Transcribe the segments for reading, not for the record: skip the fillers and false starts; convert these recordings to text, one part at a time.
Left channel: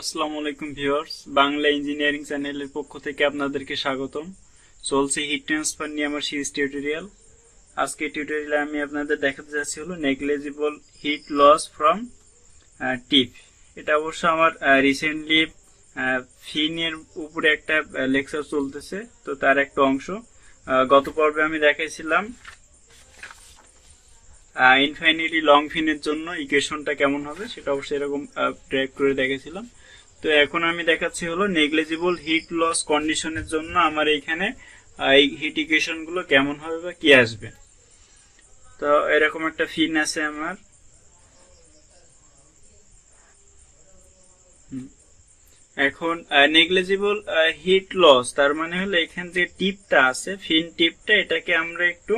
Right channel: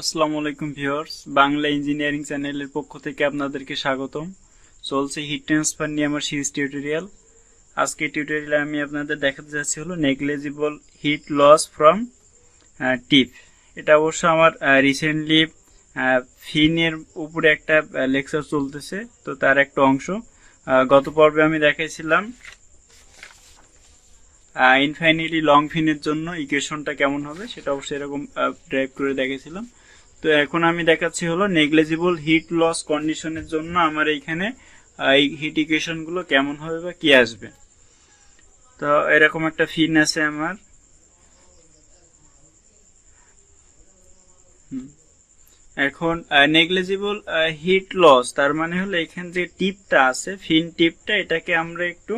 আসসালামু আলাইকুম viewers, Bangla engineering চ্যানেলের পক্ষ থেকে আপনাদেরকে স্বাগতম। চলছে হিট ট্রান্সফার নিয়ে আমার সিরিজ টিউটোরিয়াল। আজকে টিউটোরিয়ালে আমি আপনাদের দেখাতে যাচ্ছি হলো নেগলিজিবল হিট লস ফ্রম টিপ। এটা অবশ্য আমার রিসেন্টলি ফিনের উপরে একটা লেকচার চলতেছে, তো তার একটা অংশ। গত পর্বে আমি দেখাইছিলাম ইনফাইনিটলি লং ফিনের জন্য ইকুয়েশনটা কেমন হবে, সেটা অবশ্যই এরকম ড্রাইভ করে দেখেছিলাম। তো এখন আমি দেখাচ্ছি হলো নেগলিজিবল হিট লস কন্ডিশনের জন্য আমার এইখানে এই হিট ইকুয়েশন গুলো কেমন হবে বা কি আসবে। তো এরকম একটা ফিন আছে আমার। এখন নেগলিজিবল হিট লস তার মানে হলো এখানে যে টিপটা আছে, ফিন টিপটা, এটাকে আমরা একটু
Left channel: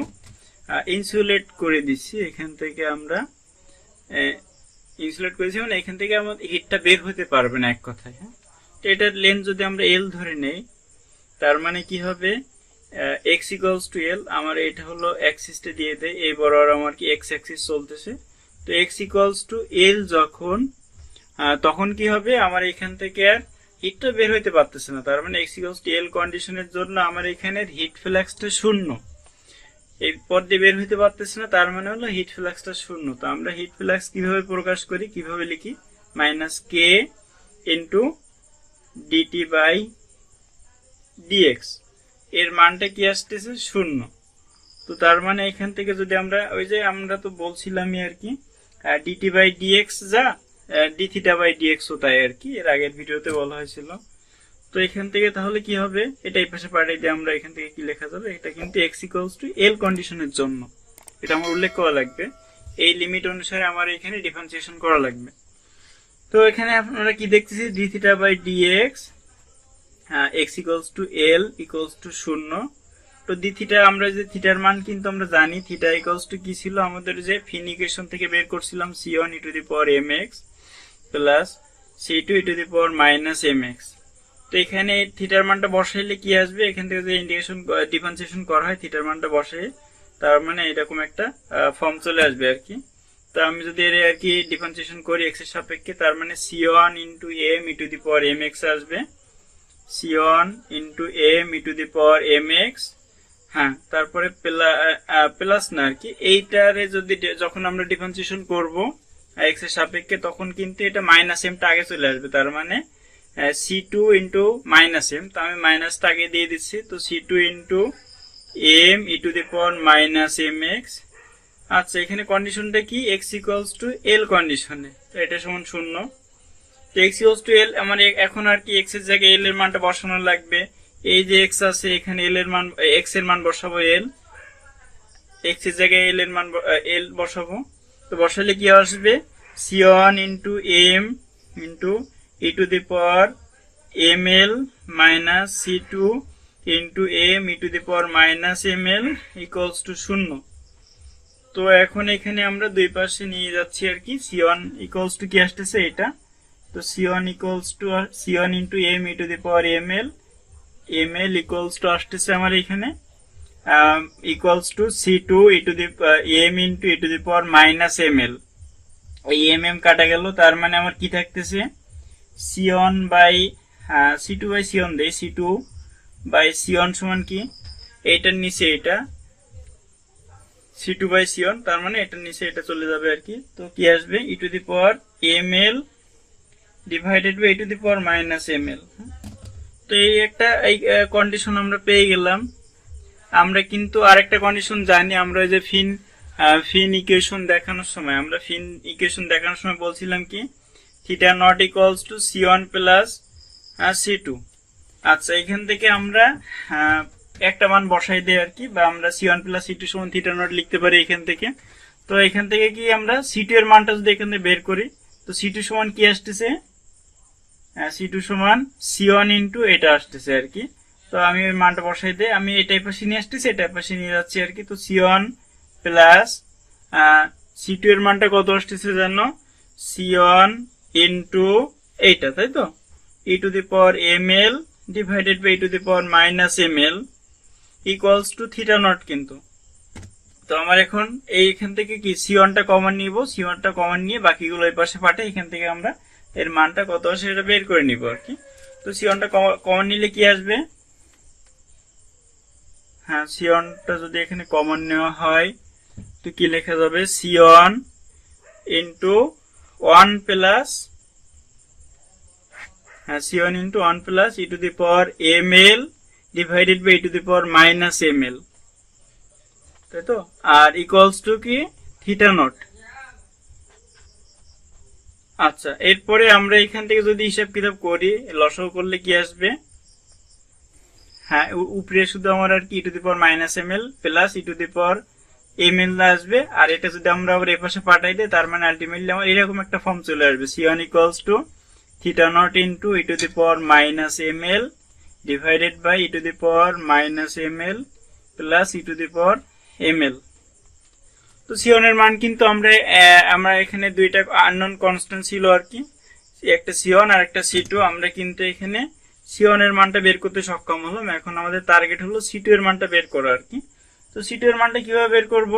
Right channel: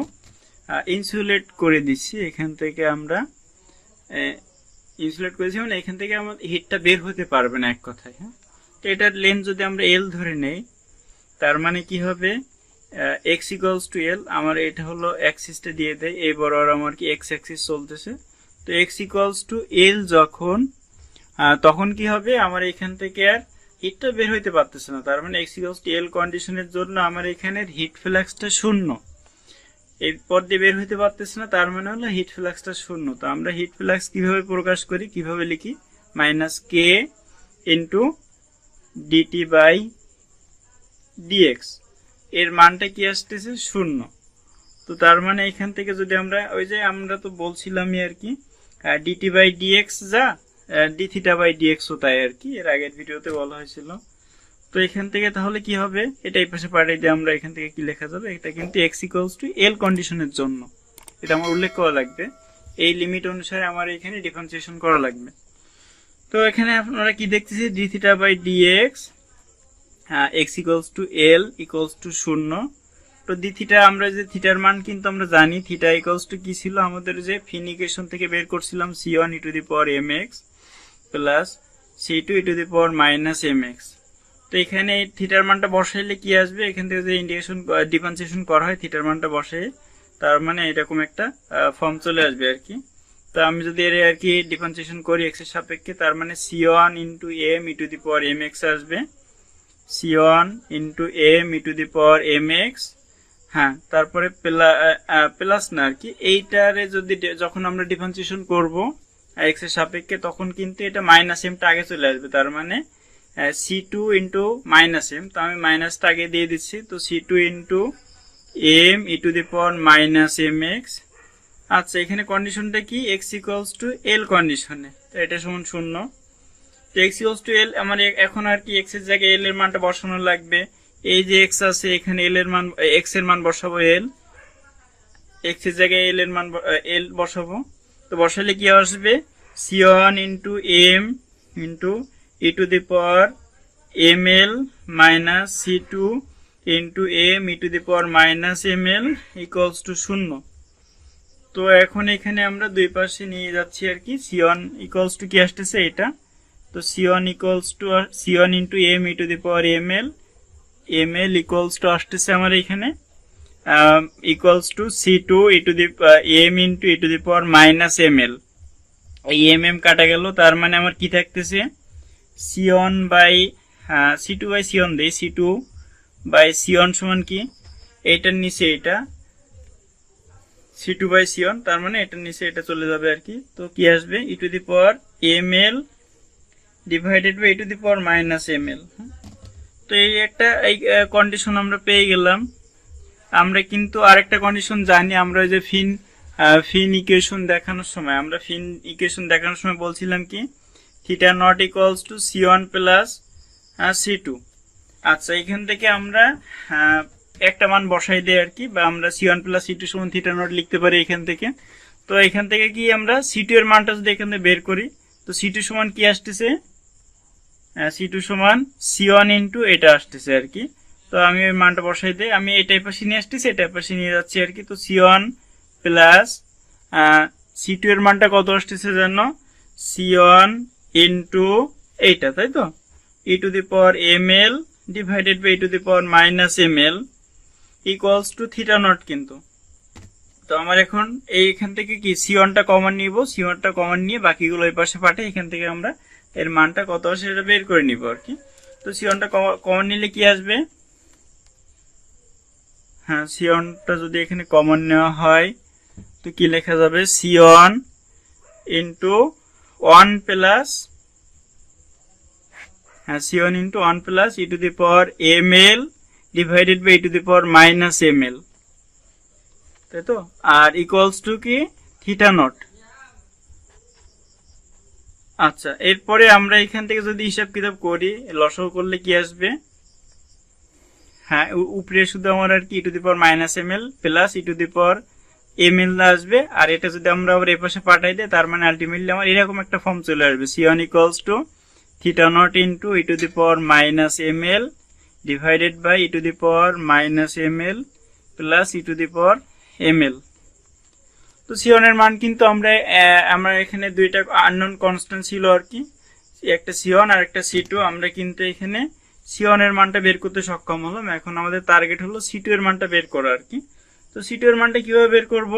ইনসুলেট করে দিচ্ছি। এখান থেকে আমরা ইনসুলেট করেছি, মানে এখান থেকে আমাদের হিটটা বের হতে পারবে না এক কথায়। হ্যাঁ, তো এটার লেন্থ যদি আমরা এল ধরে নেই, তার মানে কি হবে, এক্স ইকুয়ালস টু এল। আমার এটা হলো অ্যাক্সিসটা দিয়ে দেয়, এই বরাবর আমার কি এক্স অ্যাক্সিস চলতেছে। তো এক্স ইকুয়ালস টু এল যখন, তখন কি হবে, আমার এখান থেকে আর হিটটা বের হইতে পারতেছে না। তার মানে এক্স ইকুয়ালস টু এল কন্ডিশনের জন্য আমার এখানে হিট ফ্লাক্সটা শূন্য, এই পদ দিয়ে বের হইতে পারতেছে না, তার মানে হলো হিট ফ্লাক্সটা শূন্য। তো আমরা হিট ফ্লাক্স কিভাবে প্রকাশ করি, কিভাবে লিখি, minus k into dt by dx. এর মানটা কি আসতেছে, শূন্য। তো তার মানে এখান থেকে যদি আমরা ওই যে আমরা তো বলছিলামই আর কি, ডিটি বাই ডিএক্স যা ডি থিটা বাই ডিএক্স ও তাই আর কি, এর আগের ভিডিওতে বলা হয়েছিল। তো এখান থেকে তাহলে কি হবে, এটা এই পাশে পাঠিয়ে দিয়ে আমরা এখান থেকে কি লেখা যাবে, এটা কিন্তু এক্স ইকুয়ালস টু এল কন্ডিশনের জন্য, এটা আমার উল্লেখ করা লাগবে। এই লিমিট অনুসারে আমার এখানে ডিফারেন্সিয়েশন করা লাগবে। তো এখানে আপনারা কি দেখতেছি, d theta by dx, x equals to l equals to শূন্য। তো ডি থিটা, আমরা যে থিটার মান কিন্তু আমরা জানি, থিটা ইকুয়ালস টু কি ছিল আমাদের, যে ফিন ইকুয়েশন থেকে বের করছিলাম, c one e to the power M x plus c two e to the power minus M x. তো এখানে থিটার মানটা বসাইলে কি আসবে, এখান থেকে যে ইন্টিগ্রেশন ডিফারেন্সিয়েশন করা হয় থিটার মানটা বসাই, তার মানে এরকম একটা ফর্ম চলে আসবে আর কি। তো আমি যদি এর আর কি ডিফারেন্সিয়েশন করি এক্স এর সাপেক্ষে, তার মানে C one into M e to the power M X আসবে, C one into M e to the power M X. হ্যাঁ, তারপরে প্লাস না আর কি, এইটারে যদি যখন আমরা ডিফারেন্সিয়েশন করব এক্স এর সাপেক্ষে, তখন কিন্তু এটা মাইনাস এমটা আগে চলে আসবে, তার মানে c two into minus m. তো আমি মাইনাসটা আগে দিয়ে দিচ্ছি, তো c two into M e to the power minus M x. আচ্ছা, এখানে কন্ডিশনটা কি, এক্স ইকুয়ালস টু এল কন্ডিশনে, তো এটা সমান শূন্য। তো এক্স ইকুয়ালস টু এল, আমার এখন আর কি এক্স এর জায়গায় এল এর মানটা বসানো লাগবে। এই যে এক্স আছে, এখানে এল এর মান, এক্স এর মান বসাবো এল, এক্স এর জায়গায় এল এর মান এল বসাবো। তো বসালে কি আসবে, C one into m into e to the power M l minus c two into M e to the power minus M L equals to শূন্য। তো এখন এখানে আমরা দুই পাশে নিয়ে যাচ্ছি আর কি, সি ওয়ান ইকুয়ালস টু কি আসতেছে এটা, তো c one equals to c one into M e to the power M L equals to আসতেছে আমার এখানে equals to c two e to the m into e to the power minus M L. এই m M কাটা গেল, তার মানে আমার কি থাকতেছে, C one by C two by C one দেয়, C two by C one সমান কি, এইটার নিচে এটা C two by C one, তার মানে এটার নিচে এটা চলে যাবে আর কি। তো কি আসবে, e to the power M L divided by e to the power minus M L. তো এই একটা এই কন্ডিশন আমরা পেয়ে গেলাম। আমরা কিন্তু আরেকটা কন্ডিশন জানি, আমরা যে ফিন ইকুয়েশন দেখানোর সময়, আমরা ফিন ইকুয়েশন দেখানোর সময় বলছিলাম কি, theta nought equals to c one plus c two. আচ্ছা, এখান থেকে আমরা একটা মান বসাই দিই আর কি, বা আমরা c one plus c two সমান থিটা নট লিখতে পারি এখান থেকে। তো এখান থেকে কি আমরা সি টু এর মানটা যদি এখান থেকে বের করি, তো সি টু সমান কি আসতেছে, সি টু সমান সি ওয়ান ইন্টু এটা আসতেছে আর কি। তো আমি ওই মানটা বসাই দিই, আমি এটা পাশে নিয়ে আসতেছি, এটা পাশে নিয়ে যাচ্ছি আর কি। তো c one plus c two এর মানটা কত আসতেছে জানো, সি ওয়ান ইন্টু এইটা, তাই তো, e to the power M L divided by e to the power minus M L equals to theta naught কিন্তু। তো আমার এখন এইখান থেকে কি সি ওয়ানটা কমন নিব, সি ওয়ানটা কমন নিয়ে বাকিগুলো এই পাশে পাঠে, এখান থেকে আমরা এর মানটা কত আসে সেটা বের করে নিব আর কি। তো সিওনটা কমন নিলে কি আসবে? হ্যাঁ, সিওনটা যদি এখানে কমন নেওয়া হয় তো কি লেখা যাবে? সিওন ইন্টু 1 প্লাস, হ্যাঁ, C one into 1 plus e to the power M L divided by e to the power minus M L, তাই তো? আর ইকুয়ালস টু কি? Theta not. আচ্ছা, এরপরে আমরা এখান থেকে যদি হিসাব কিতাব করি, লসাগু করলে কি আসবে? হ্যাঁ, উপরে শুধু আমার আর কি e to the power minus M L plus e to the power M L আসবে, আর এটা যদি আমরা আবার এপাশে পাঠাই দিই তার মানে আলটিমেটলি আমার এরকম একটা ফর্ম চলে আসবে, C one equals to theta not into e to the power minus M L divided by e to the power minus M L plus e to the power M L. তো সিওনের মান কিন্তু আমরা এখানে দুইটা আননোন কনস্ট্যান্ট ছিল আর কি, একটা সিওন আর একটা সি2। আমরা কিন্তু এখানে সিওনের মানটা বের করতে সক্ষম হলাম। এখন আমাদের টার্গেট হলো সি2 এর মানটা বের করা আর কি। তো সি2 এর মানটা কিভাবে বের করব?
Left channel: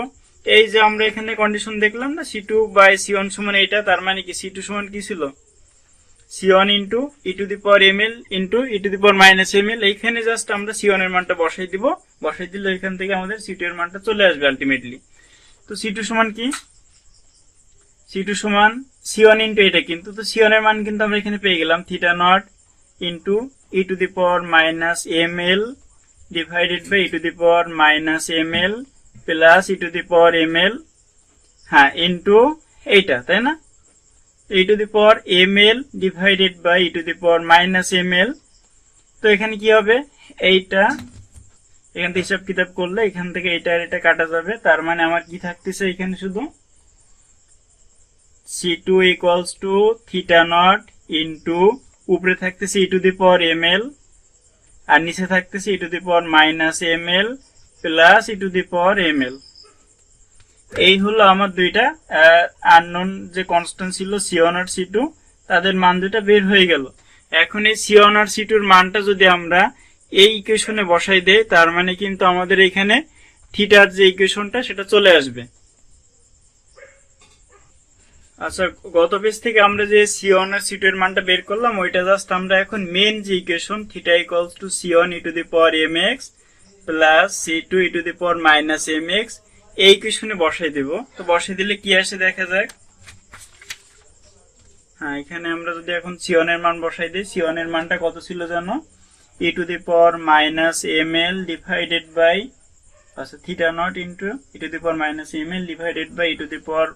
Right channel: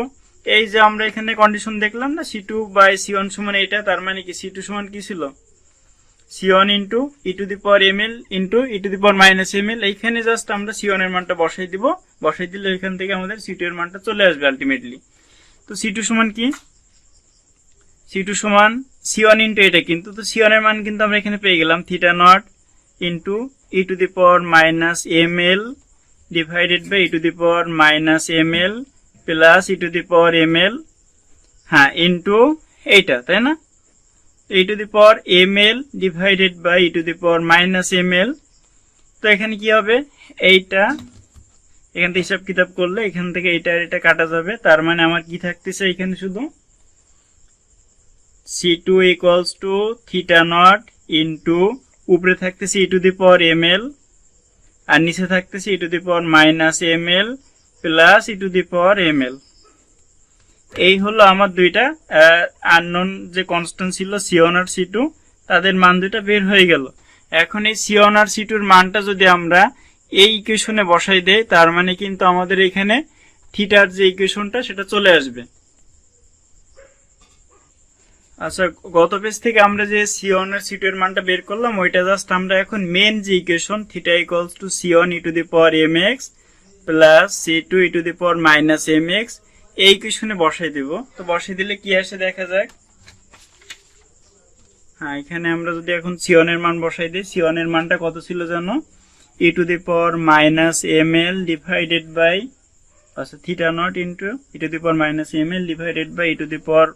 এই যে আমরা এখানে কন্ডিশন দেখলাম না, সি2 বাই সিওন সমান এইটা, তার মানে কি সি2 সমান কি ছিল? C one into e to the power M L into e to the power minus M L. এইখানে জাস্ট আমরা সিওন এর মানটা বসাই দিব, বসাই দিলে এখান থেকে আমাদের সি2 এর মানটা চলে আসবে আলটিমেটলি। তো সি2 সমান কি? সি2 সমান সিওন ইন্টু এটা, কিন্তু তো সিওন এর মান কিন্তু আমরা এখানে পেয়ে গেলাম theta not into e to the power minus M L divided by e to the power minus M L plus e to the power M L, হ্যাঁ, ইন্টু এইটা, তাই না? E to the power M L divided by e to the power minus M L. তো এখানে কি হবে? এইটা এখান থেকে হিসাব কিতাব করলে এখান থেকে এটা আর এটা কাটা যাবে, তার মানে আমার কি থাকতেছে এখানে? শুধু C two equals to theta not into উপরে থাকতেছে e to the power M L আর নিচে থাকতেছে e to the power minus M L plus e to the power M L. এই হলো আমার দুইটা আননোন যে কনস্ট্যান্ট ছিল সিওন আর সি2, তাদের মান দুইটা বের হয়ে গেল। এখন এই সিওন আর সি2 এর মানটা যদি আমরা এই ইকুয়েশনে বসাই দেই, তার মানে কিন্তু আমাদের এখানে থিটার যে ইকুয়েশনটা সেটা চলে আসবে। আচ্ছা, গত পেজ থেকে আমরা যে সিওন আর সি2 এর মানটা বের করলাম, ওইটা জাস্ট আমরা এখন মেন যে equation theta equals to C one e to the power M x plus C two e to the power minus M X এই ইকুয়েশনে বসাই দেব। তো বসাই দিলে কি আসে দেখা যাক। হ্যাঁ, এখানে আমরা যদি এখন সিওন এর মান বসাই দিই, সিওন এর মানটা কত ছিল জানো? E to the power minus M L divided by, আচ্ছা, theta not into e to the power minus M L divided by e to the power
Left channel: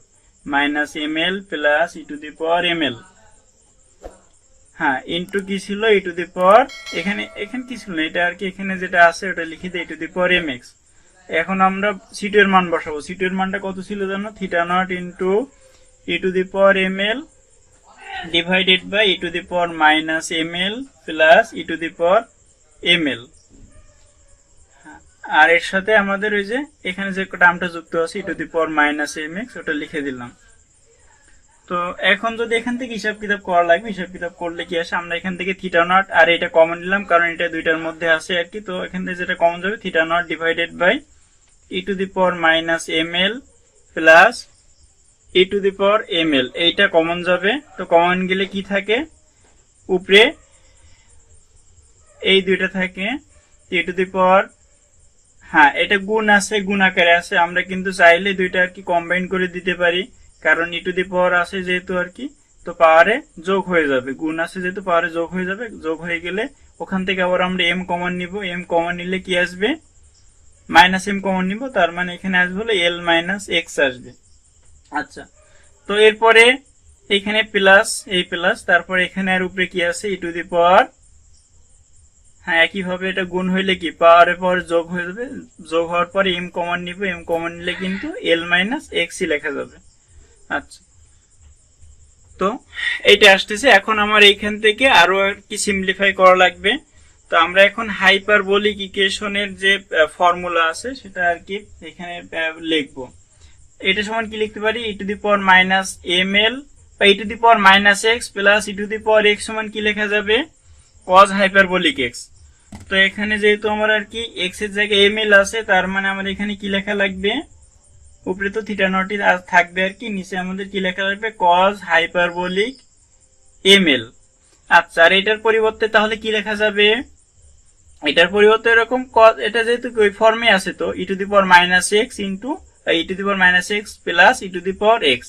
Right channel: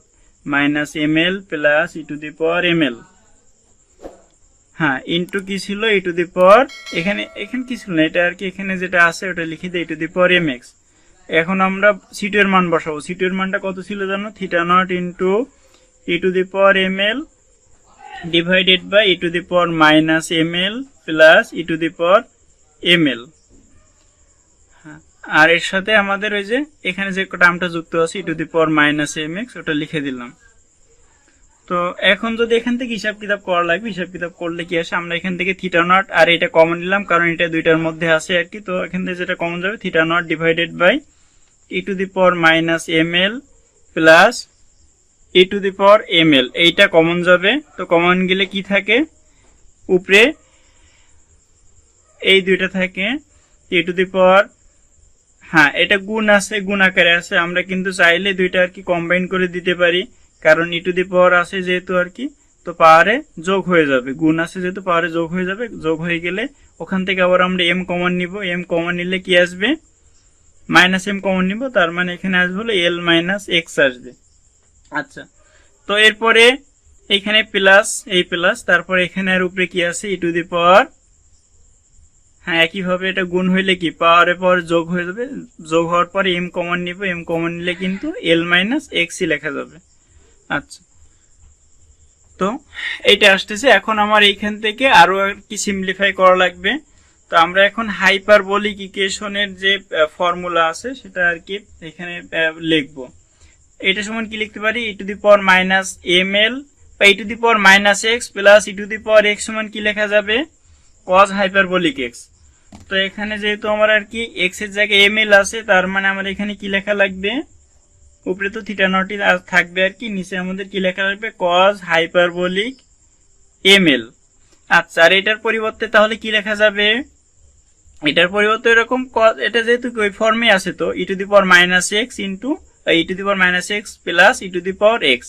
minus M L plus e to the power M L, হ্যাঁ, into কি ছিল? ই to the পাওয়ার, এখানে কি ছিল না, এটা আর কি এখানে যেটা আছে ওটা লিখে দিই, e to the power M X. এখন আমরা সি2 এর মান বসাবো। সি2 এর মানটা কত ছিল জানো? Theta not into e to the power M L divided by e to the power minus M L plus e to the power M L. আর এর সাথে আমাদের ওই যে এখানে যে টার্মটা যুক্ত আছে e to the power minus M X, ওটা লিখে দিলাম। তো এখন যদি এখান থেকে হিসাব কিতাব করা লাগবে, হিসাব কিতাব করলে কি আসে? আমরা এখান থেকে থিটা নট আর এটা কমন নিলাম, কারণ এটা দুইটার মধ্যে আছে আর কি। তো এখান থেকে যেটা কমন যাবে, theta nought divided by e to the power minus M L plus e to the power M l, এইটা কমন যাবে। তো কমন গেলে কি থাকে? উপরে এই দুইটা থাকে, ই টু দি পাওয়ার, হ্যাঁ, এটা গুণ আছে, গুণ আকারে আছে। আমরা কিন্তু চাইলে দুইটা আর কি কম্বাইন করে দিতে পারি, কারণ ই টু দি পাওয়ার আছে যেহেতু আর কি, তো পাওয়ারে যোগ হয়ে যাবে। গুণ আছে যেহেতু পাওয়ারে যোগ হয়ে যাবে। যোগ হয়ে গেলে ওখান থেকে আবার আমরা এম কমন নিব। এম কমন নিলে কি আসবে? মাইনাস এম কমন নিব, তার মানে এখানে আসবে হলো এল মাইনাস এক্স আসবে। আচ্ছা, তো এরপরে এখানে প্লাস, এই প্লাস, তারপরে এখানে আর উপরে কি আছে? ই টু দি পাওয়ার, হ্যাঁ, একইভাবে এটা গুণ হইলে কি পাওয়ারে পাওয়ার যোগ হয়ে যাবে। যোগ হওয়ার পরে এম কমন নিব, এম কমন নিলে কিন্তু এল মাইনাস এক্সই লেখা যাবে। আচ্ছা, তো এইটা আসতেছে। এখন আমার এইখান থেকে আরো কি সিম্পলিফাই করা লাগবে। তো আমরা এখন হাইপারবোলিক ইকুয়েশনের যে ফর্মুলা আছে সেটা আর কি এখানে লিখবো। এটা সমান কি লিখতে পারি? E to the power minus M L বা e to the power minus X plus e to the power X সমান কি লেখা যাবে? Cos hyperbolic X. তো এখানে যেহেতু আমার আর কি এক্স এর জায়গায় এম এল আছে, তার মানে আমার এখানে কি লেখা লাগবে? উপরে তো থিটা নট থাকবে আর কি, নিচে আমাদের কি লেখা লাগবে? Cause hyperbolic ml। আচ্ছা, আর এটার পরিবর্তে তাহলে কি লেখা যাবে? এটার পরিবর্তে এরকম এটা যেহেতু ওই ফর্মে আছে, তো e two the power minus x into e two the power minus X plus e two the power x.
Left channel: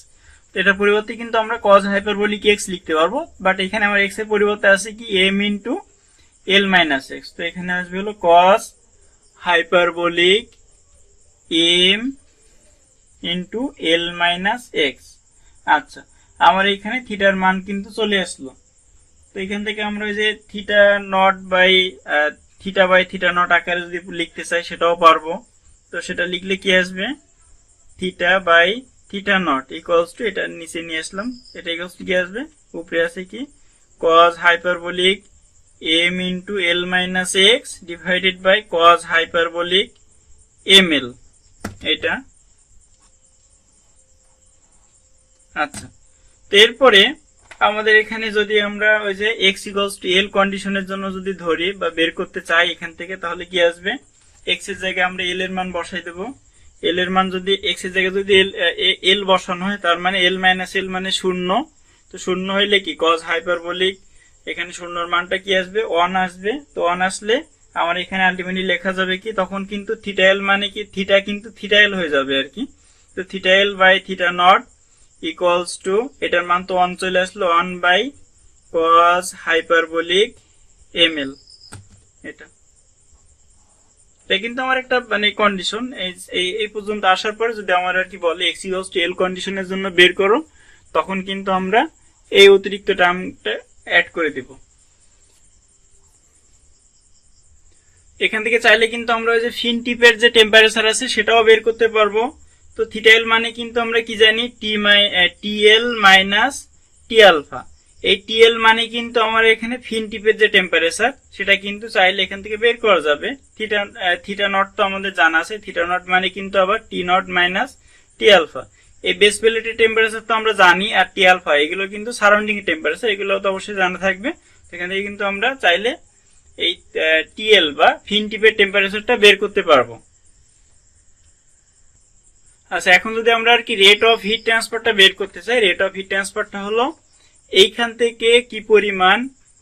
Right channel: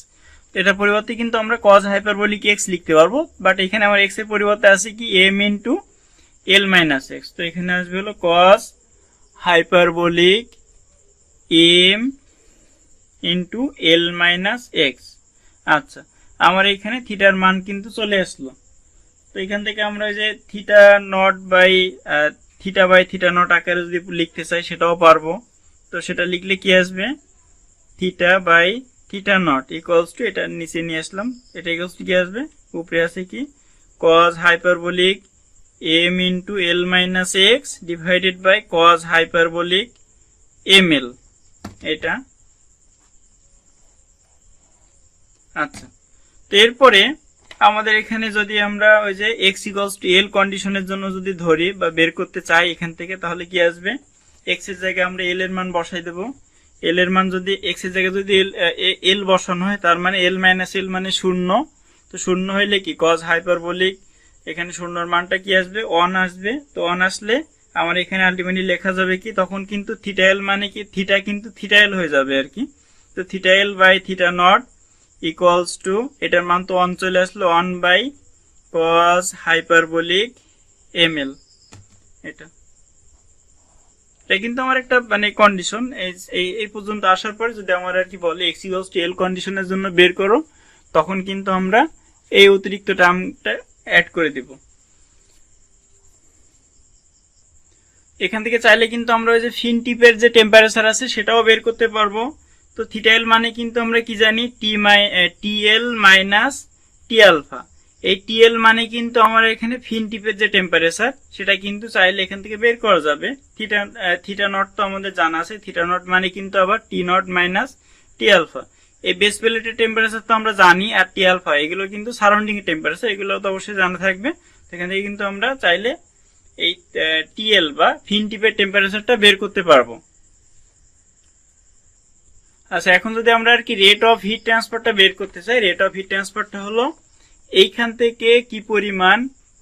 এটার পরিবর্তে কিন্তু আমরা cos হাইপারবোলিক এক্স লিখতে পারবো, বাট এখানে আমার এক্স এর পরিবর্তে আছে কি m into l minus x. তো এখানে আসবে হলো cos hyperbolic m into l minus x. আচ্ছা, আমার এখানে থিটার মান কিন্তু চলে আসলো। তো এখান থেকে আমরা ওই যে থিটা বাই থিটা নট আকারে যদি লিখতে চাই সেটাও পারবো। তো সেটা লিখলে কি আসবে? Theta by theta nought equals to, এটা নিচে নিয়ে আসলাম, এটা ইকুয়ালস টু কি আসবে? উপরে আছে কি cos hyperbolic m into l minus x divided by cos hyperbolic ml, এটা। আচ্ছা, তো এরপরে আমাদের এখানে যদি আমরা ওই যে x ইকুয়ালস টু এল কন্ডিশনের জন্য যদি ধরি বা বের করতে চাই এখান থেকে, তাহলে কি আসবে? x এর জায়গায় আমরা এল এর মান বসাই দেব। এল এর মান যদি x এর জায়গায় যদি এল বসানো হয়, তার মানে এল মাইনাস এল মানে শূন্য। তো শূন্য হইলে কি cos হাইপারবোলিক, এখানে শূন্যর মানটা কি আসবে? 1 আসবে। তো 1 আসলে আমার এখানে আলটিমেটলি লেখা যাবে কি, তখন কিন্তু থিটা এল মানে কি থিটা কিন্তু থিটা এল হয়ে যাবে আর কি। তো theta l by theta nought equals to, এটার মান তো 1 চলে আসলো, 1 বাই cos হাইপারবোলিক ml। এটা কিন্তু আমার একটা মানে কন্ডিশন। এই পর্যন্ত আসার পরে যদি আমার আর কি বলে x ইকুয়ালস টু এল কন্ডিশনের জন্য বের করো, তখন কিন্তু আমরা এই অতিরিক্ত টার্মটা অ্যাড করে দিব। এখান থেকে চাইলে কিন্তু আমরা ওই যে ফিন টিপের যে টেম্পারেচার আছে সেটাও বের করতে পারবো। তো থিটা এল মানে কিন্তু আমরা কি জানি? টি এল মাইনাস টি আলফা। এই টি এল মানে কিন্তু আমার এখানে ফিন টিপের যে টেম্পারেচার, সেটা কিন্তু চাইলে এখান থেকে বের করা যাবে। থিটা নট তো আমাদের জানা আছে, থিটা নট মানে কিন্তু আবার টি নট মাইনাস টি আলফা। এই বেস প্লেটের টেম্পারেচার তো আমরা জানি, আর টি আলফা এগুলো কিন্তু সারাউন্ডিং টেম্পারেচার, এগুলো তো অবশ্যই জানা থাকবে। সেখান থেকে কিন্তু আমরা চাইলে এই টিএল বা ফিন টিপের টেম্পারেচারটা বের করতে পারবো। আচ্ছা, এখন যদি আমরা আর কি রেট অফ হিট ট্রান্সফারটা বের করতে চাই, রেট অফ হিট ট্রান্সফারটা হলো এইখান থেকে কি পরিমাণ,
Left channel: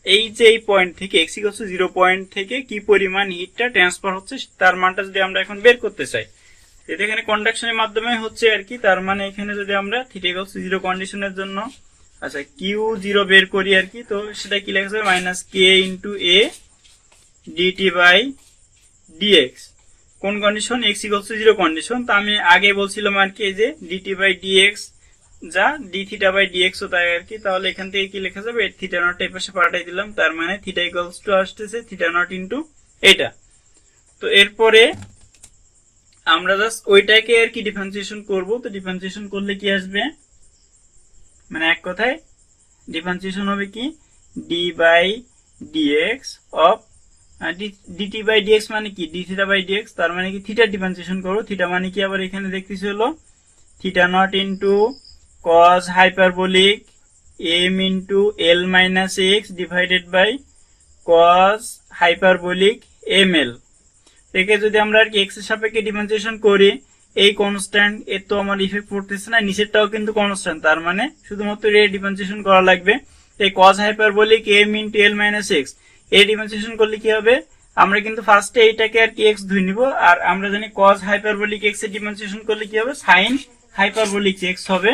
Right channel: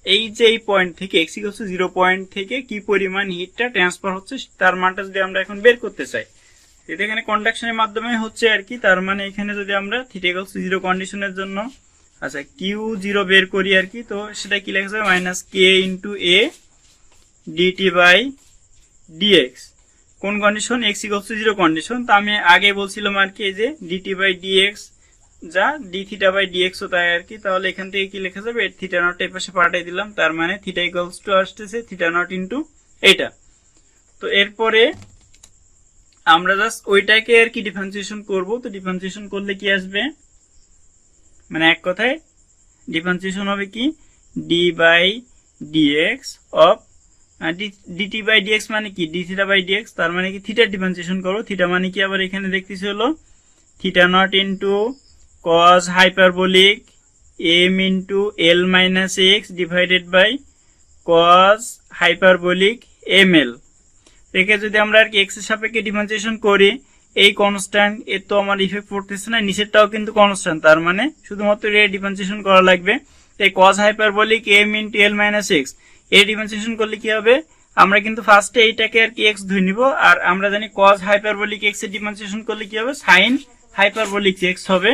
এই যে এই পয়েন্ট থেকে x ইকুয়ালস টু 0 পয়েন্ট থেকে কি পরিমাণ হিটটা ট্রান্সফার হচ্ছে তার মানটা যদি আমরা এখন বের করতে চাই, এটা এখানে কন্ডাকশনের মাধ্যমে হচ্ছে আর কি। তার মানে এখানে যদি আমরা থিটা ইকুয়ালস টু 0 কন্ডিশনের জন্য আচ্ছা Q0 বের করি আর কি, তো সেটা কি লেখা যাবে? Minus k into a dt by dx. কোন condition? x equals to 0 condition. তো আমি আগে বলছিলাম আর কি, এই যে ডিটি বাই ডিএক্স যা ডি থিটা বাই ডিএক্স ও তাই আর কি। তাহলে এখান থেকে কি লেখা যাবে? থিটা নট এর পাশে পাল্টাই দিলাম, তার মানে থিটা ইকুয়ালস টু আসতেছে থিটা নট ইন্টু এটা। তো এরপরে আমরা জাস্ট ওইটাকে আর কি ডিফারেন্সিয়েশন করব। তো ডিফারেন্সিয়েশন করলে কি আসবে? মানে এক কথায় ডিফারেন্সিয়েশন হবে কি d by dx of dt by dx মানে কি ডি থিটা বাই ডিএক্স, তার মানে কি থিটা ডিফারেন্সিয়েশন করবো। থিটা মানে কি আবার এখানে দেখতেছি হলো theta not into cos hyperbolic m into l minus x divided by cos hyperbolic ml। একে যদি আমরা আর কি এক্স এর সাপেক্ষে ডিফারেন্সিয়েশন করি, এই কনস্ট্যান্ট এর তো আমার ইফেক্ট পড়তেছে না, নিচেরটাও কিন্তু কনস্ট্যান্ট, তার মানে শুধুমাত্র এর ডিফারেন্সিয়েশন করা লাগবে। এই cos hyperbolic m into l minus x এর ডিফারেন্সিয়েশন করলে কি হবে? আমরা কিন্তু ফার্স্টে এইটাকে আর কি এক্স ধরে নিব, আর আমরা জানি cos হাইপারবোলিক এক্স এর ডিফারেন্সিয়েশন করলে কি হবে? sin হাইপারবোলিক এক্স হবে।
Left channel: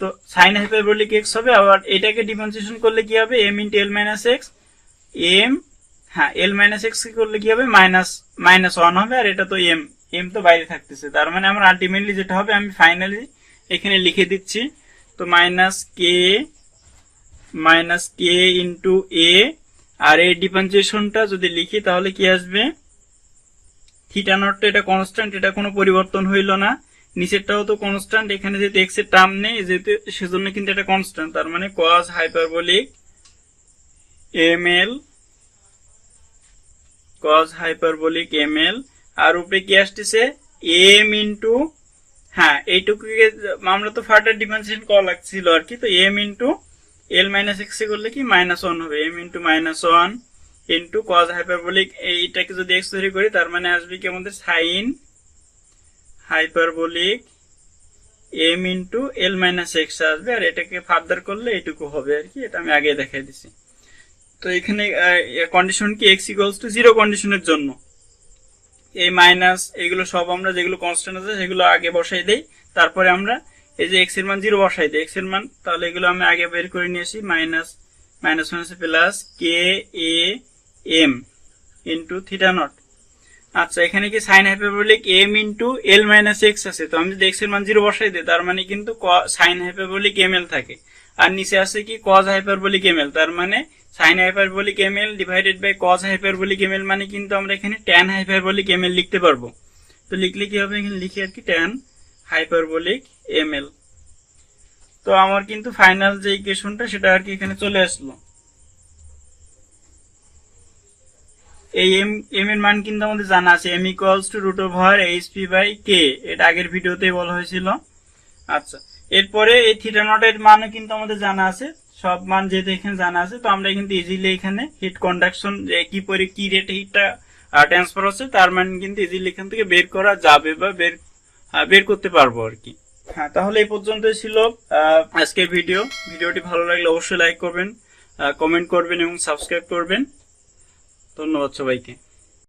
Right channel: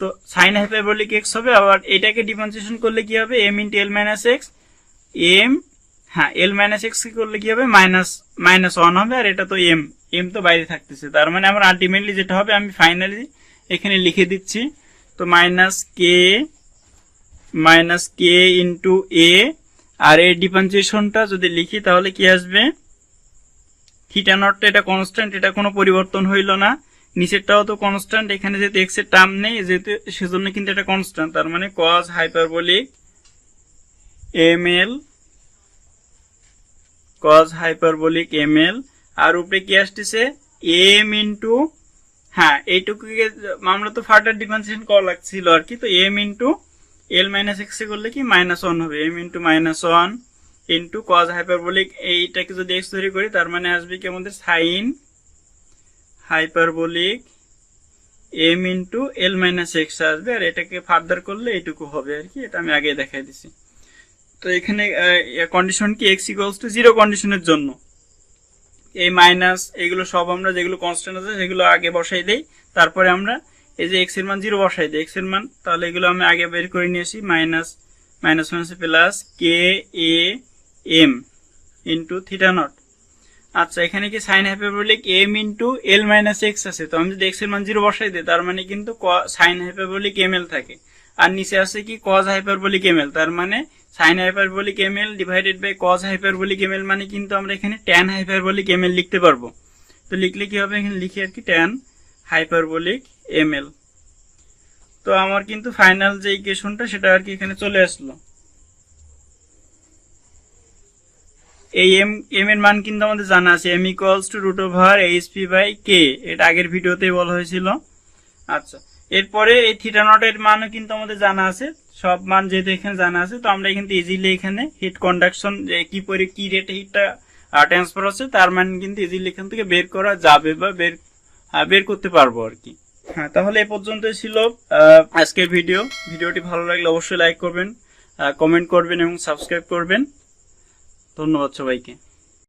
তো sin হাইপারবোলিক এক্স হবে, আবার এটাকে ডিফারেন্সিয়েশন করলে কি হবে? m into l minus x l minus x করলে কি হবে? মাইনাস 1 হবে, আর এটা তো এম তো বাইরে থাকতেছে, তার মানে আমার আলটিমেটলি যেটা হবে আমি ফাইনালি এখানে লিখে দিচ্ছি। তো মাইনাস কে ইন্টু এ, আর এই ডিফারেন্সিয়েশনটা যদি লিখি তাহলে কি আসবে? থিটা নটটা এটা কনস্ট্যান্ট, এটা কোনো পরিবর্তন হইল না, নিচেরটাও তো কনস্ট্যান্ট, এখানে যেহেতু এক্স এর টার্ম নেই যেহেতু সেজন্য কিন্তু এটা কনস্ট্যান্ট, তার মানে cos hyperbolic ml cos hyperbolic ml, আর উপরে কি আসতেছে? m ইন্টু এইটুকুকে আমরা তো ফার্দার ডিফারেন্সিয়েশন করা লাগছিল আর কি। তো m into l minus x করলে কি মাইনাস 1 হবে, m into minus 1 into cos hyperbolic, এইটাকে যদি এক্স ধরে করি তার মানে আসবে কি আমাদের sin hyperbolic m into l minus x আসবে, আর এটাকে ফার্দার করলে এটুকু হবে আর কি, এটা আমি আগে দেখাই দিছি। তো এখানে কন্ডিশন কি এক্স ইকুয়ালস টু 0 কন্ডিশনের জন্য এই মাইনাস এগুলো সব আমরা যেগুলো কনস্ট্যান্ট আছে সেগুলো আগে বসাই দেই, তারপরে আমরা এই যে এক্স এর মান 0 বসাই দিই, এক্স এর মান তাহলে এগুলো আমি আগে বের করে নিয়েছি, minus minus minus plus k a m into theta not. আচ্ছা এখানে কি sine hyperbolic m into l minus x আছে, তো আমি যদি এক্স এর মান 0 বসাই দিই তার মানে কিন্তু সাইন হাইপারবোলিক এম এল থাকে, আর নিচে আছে কি কজ হাইপারবোলিক এম এল, তার মানে sine hyperbolic m L divided by cos hyperbolic m l, মানে কিন্তু আমরা এখানে ট্যান হাইপারবোলিক এম এল লিখতে পারবো। তো লিখলে কি হবে, এখানে লিখি আর কি ট্যান হাইপারবোলিক এম এল। তো আমার কিন্তু ফাইনাল যে ইকুয়েশনটা সেটা আর কি এখানে চলে আসলো। এই এম এর মান কিন্তু আমাদের জানা আছে, m equals to root over h p by k, এটা আগের ভিডিওতে বলা হয়েছিল। আচ্ছা এরপরে এই থিটা নট এর মানও কিন্তু আমাদের জানা আছে, সব মান যেহেতু এখানে জানা আছে, তো আমরা কিন্তু ইজিলি এখানে হিট কন্ডাকশন কি রেটে হিটটা ট্রান্সফার হচ্ছে তার মান কিন্তু ইজিলি এখান থেকে বের করা যাবে বা বের করতে পারবো আর কি। হ্যাঁ তাহলে এই পর্যন্তই ছিল আজকের ভিডিওটি ভালো লাগলে অবশ্যই লাইক করবেন, কমেন্ট করবেন এবং সাবস্ক্রাইব করবেন। ধন্যবাদ সবাইকে।